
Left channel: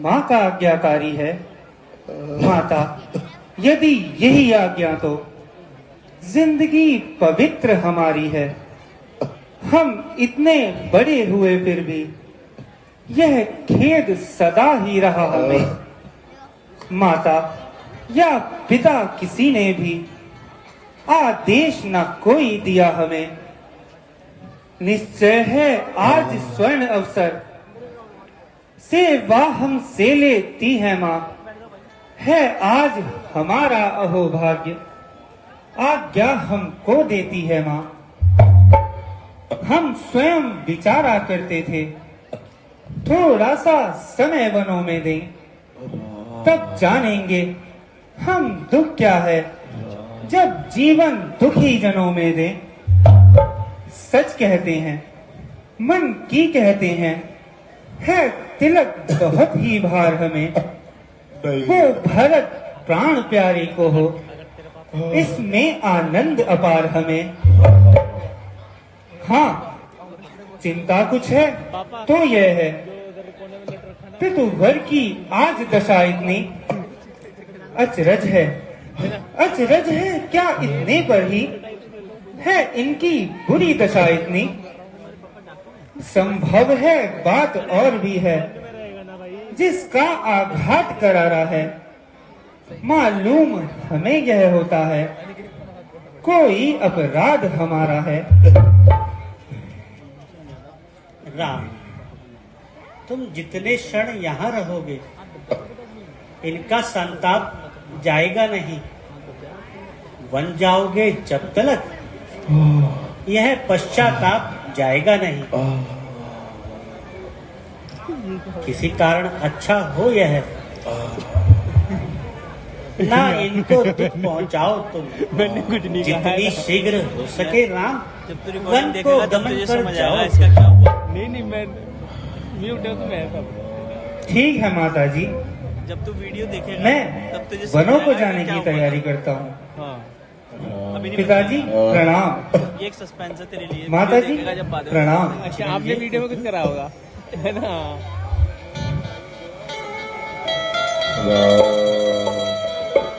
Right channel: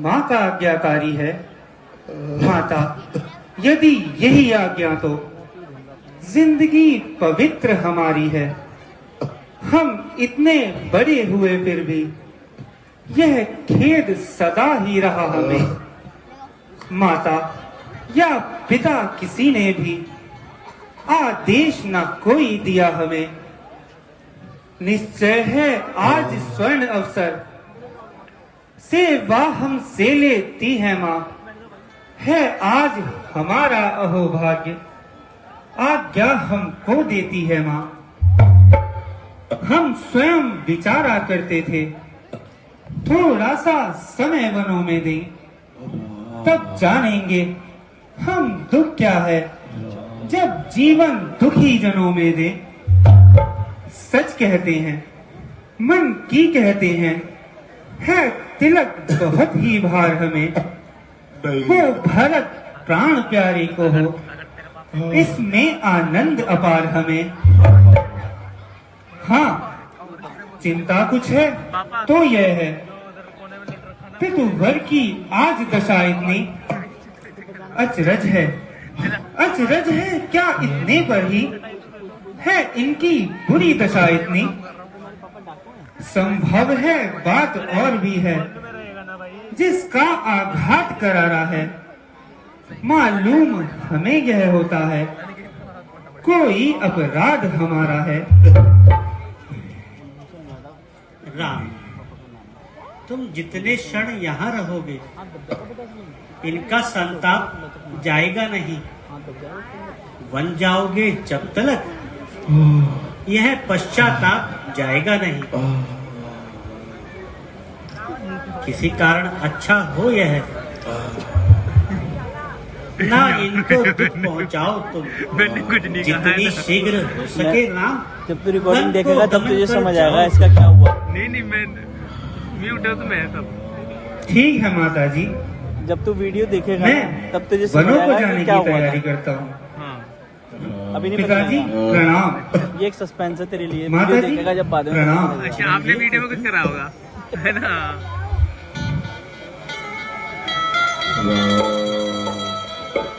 माँ का आज्ञाकारी है। माता, यदि यही आज्ञा तो जिंदगी पवित्र हमारी है। हम इतने बड़े हुए फिर भी यह खेद सदा ही रहा हमें। माता या पिता किसी ने भी आदेश न कोई दिया हमें। निश्चय है आज स्वर्ण अवसर सेवा हमसे लेती है माँ। है आज हमारा अहोभाग्य आज्ञा हमको देती है माँ। हम स्वयं विचारा करते थे थोड़ा सा समय वनों में दें, तब जानेंगे हम दुख क्या है जब जीवन दुखी जनों में दे। सच कहते हैं, मन की कहते हैं, है तिलक बहुत ही भार हमें। हो भरत प्राण प्यारे को हो, इसमें आनंद अपार हमें। हाँ, चिंता कुछ है तो यह है कि तुवर की आज दशा इतनी अचरज है। अचरज है क्या इतने पर ही है इनकी बुरी दशा इतनी। संभव है बात और भी है जिसका आघात करारा है। मालूम हमें यह होता है कोई अपराध हमारा है। राम, तुम जितने क्षण यहाँ रहोगे इनका संताप जाएगा नहीं। वन जाओगे जब तक यह पश्चाताप जाएगा नहीं। किसी कारण अच्छा हो यह ना इनको दुख पहुंचाओ तुम। मैंने कुछ नहीं कहा जितनी शीघ्र हो सके राम। जब तू रिकॉर्डिंग देखेगा तब तुझे समझ आएगा इसका क्या हुआ। नहीं मैं म्यूट है तो मैं तब। ठीक है माता जी, जब तू वीडियो देखेगा मैं तब तुझे समझ वनों को आएगा जाने कि क्या की हुआ तैयारी था। करता हूँ। हाँ, अभी नहीं पिताजी पता। प्रणाम। ये एक सस्पेंस है तेरे लिए। माता वीडियो जी देखेगा जब बाद में। प्रणाम। अच्छा, आपने वीडियो में कुछ करा होगा है ना।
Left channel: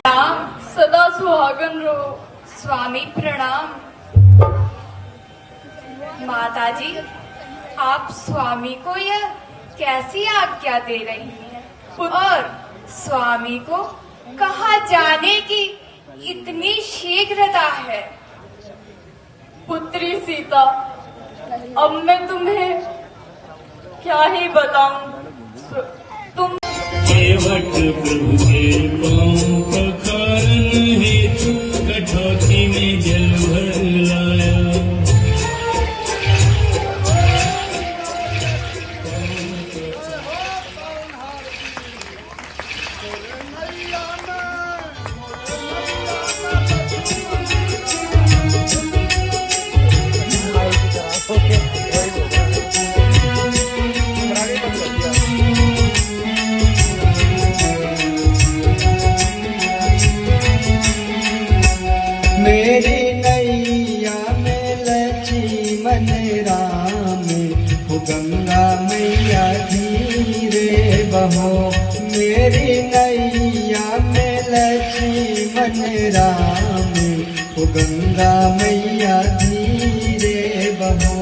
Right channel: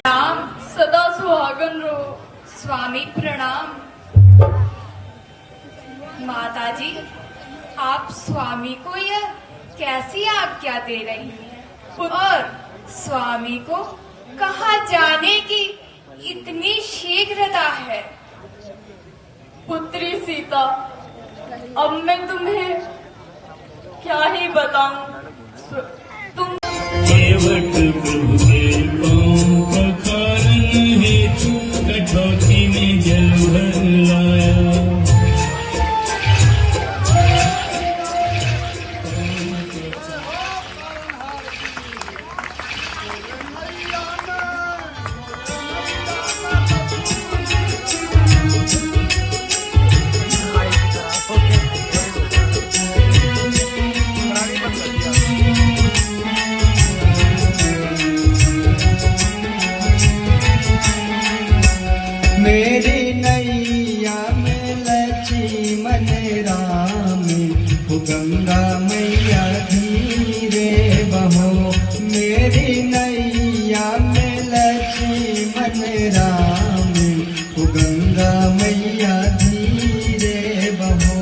राम सदा सुहागन रहो। स्वामी प्रणाम। माता जी, आप स्वामी को यह कैसी आज्ञा दे रही हैं और स्वामी को कहाँ जाने की इतनी शीघ्रता है? पुत्री सीता, अब मैं तुम्हें क्या ही बताऊं। तुम केवट प्रभु के पांव पखारन हेतु कठौती में जल भर लाया। मेरी नैया में लक्ष्मण राम हो गंगा मैया धीरे बहो। मेरी नैया में लक्ष्मण राम हो गंगा मैया धीरे बहो।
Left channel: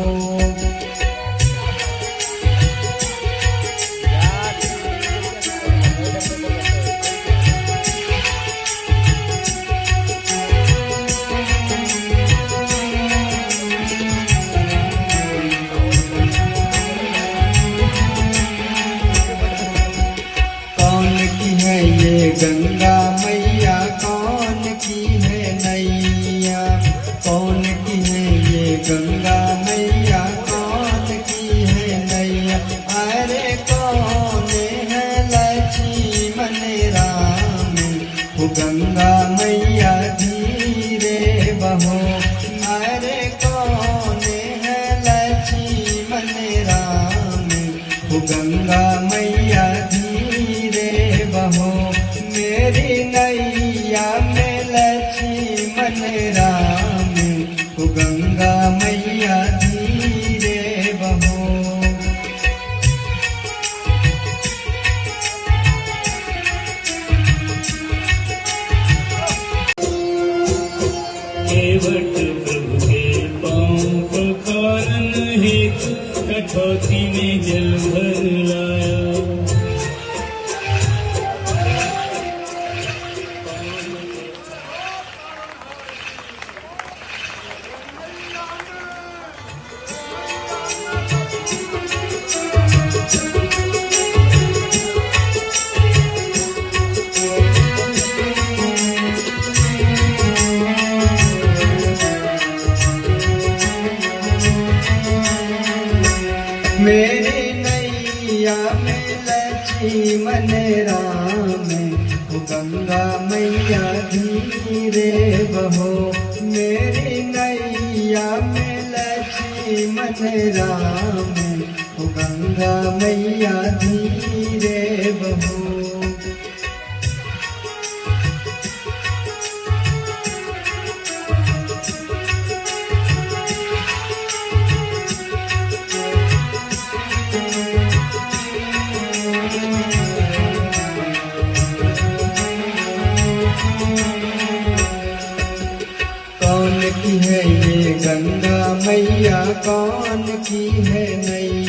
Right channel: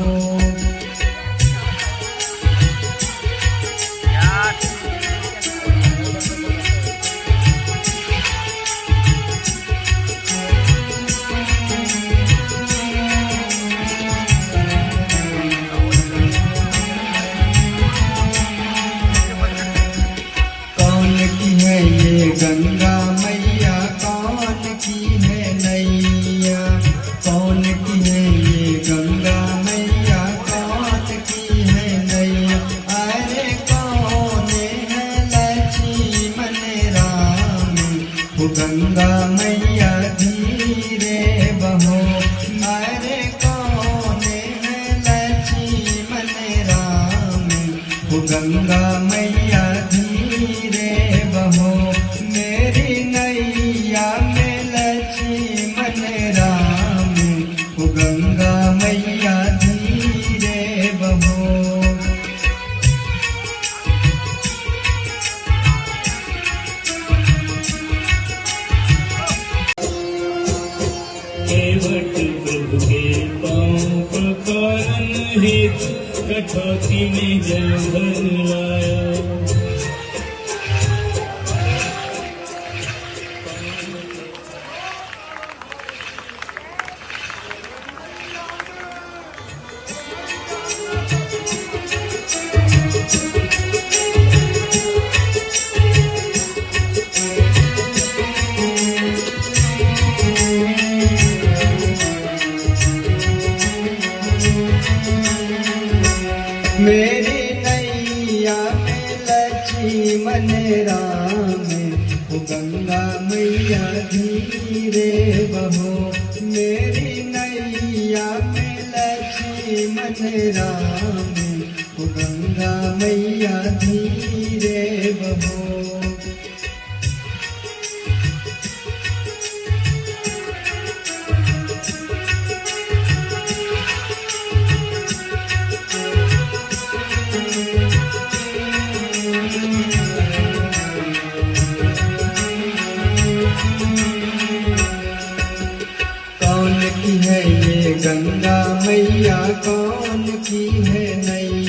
मन राम, हो गंगा मैया धीरे बहो। केवट प्रभु के पाँव पखारन हेतु कठौती में जल भर लाया। मेरी नैया में लक्ष्मण राम, हो गंगा मैया धीरे बहो। मेरी नैया में लक्ष्मण राम, हो गंगा मैया धीरे बहो। कौन की है ये गंगा मैया, कौन की है नैया।